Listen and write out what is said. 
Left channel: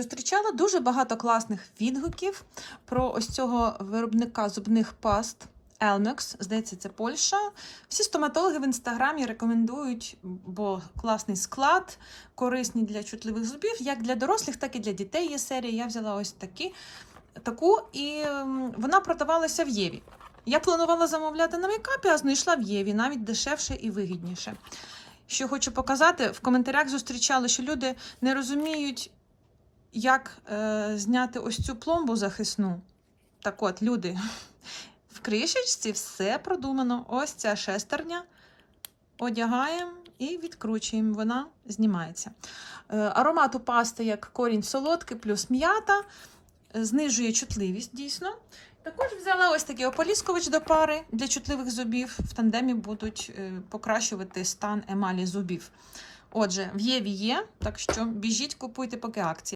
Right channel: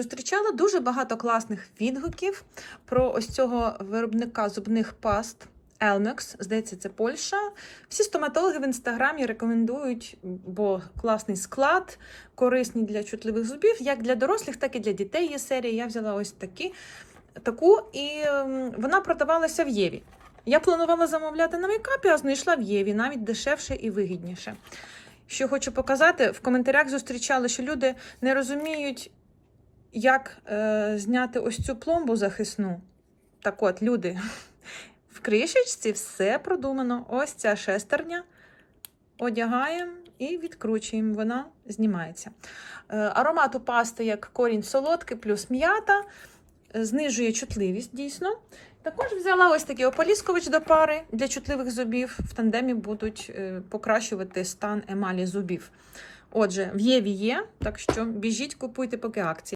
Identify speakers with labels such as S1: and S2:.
S1: Зустрічала дуже багато класних відгуків про ось цього виробника зубних паст Elmex. Здається, це Польща. Всі стоматологи в інстаграмі рекомендують, бо класний склад, корисний для чутливих зубів, як для дорослих, так і для дітей є серія. Я взяла ось такі, таку, і ем, вона продавалася в Єві. Я планувала замовляти на мейкапі, а знайшла в Єві навіть дешевше і вигідніше. Що хочу показати, в коментарях зустрічали, що люди не розуміють, як е, зняти ось цю пломбу захисну. Так от, люди, в кришечці все продумано. Ось ця шестерня. Одягаємо і відкручуємо. Вона знімається. Е, аромат у пасти як корінь солодкий, плюс м'ята, знижує чутливість дійсно. Також взяла ось такий ополіскувач до пари для чутливих зубів. В тандемі будуть е, покращувати стан емалі зубів. Отже, в Єві є, так що біжіть, купуйте поки акції.